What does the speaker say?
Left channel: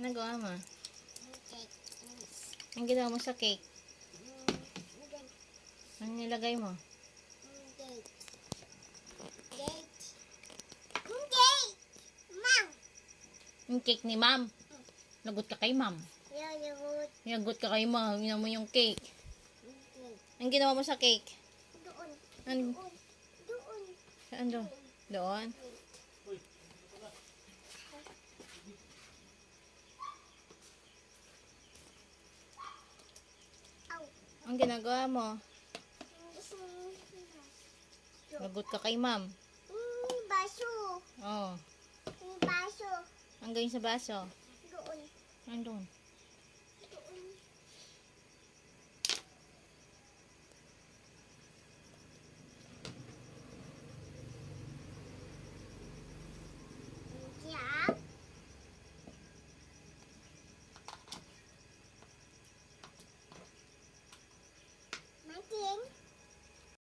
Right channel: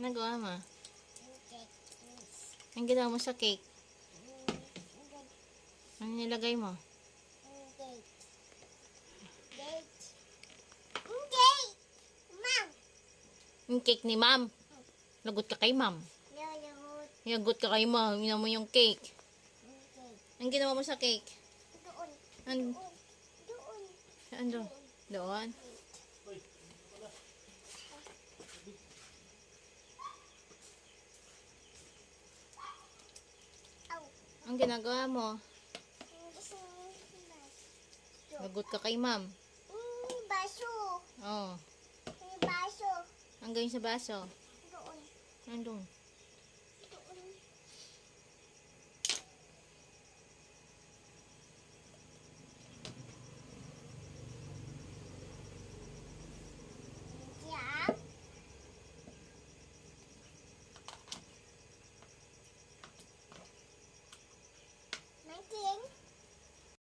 Nagawa mo? Ang ginawa mo sa cake? Ano nilagay mo? Yung cake ni ma'am. Lagot ka kay ma'am. Lagot ka kay ma'am. Ginawa mo yung cake. Ang ginawa mo sa cake? Doon. Doon. Saan doon? Doon? Ang ginagawa mo? Lagot ka kay ma'am. Baso. Oo. Baso. Ang gawin sa baso? Doon. Andun.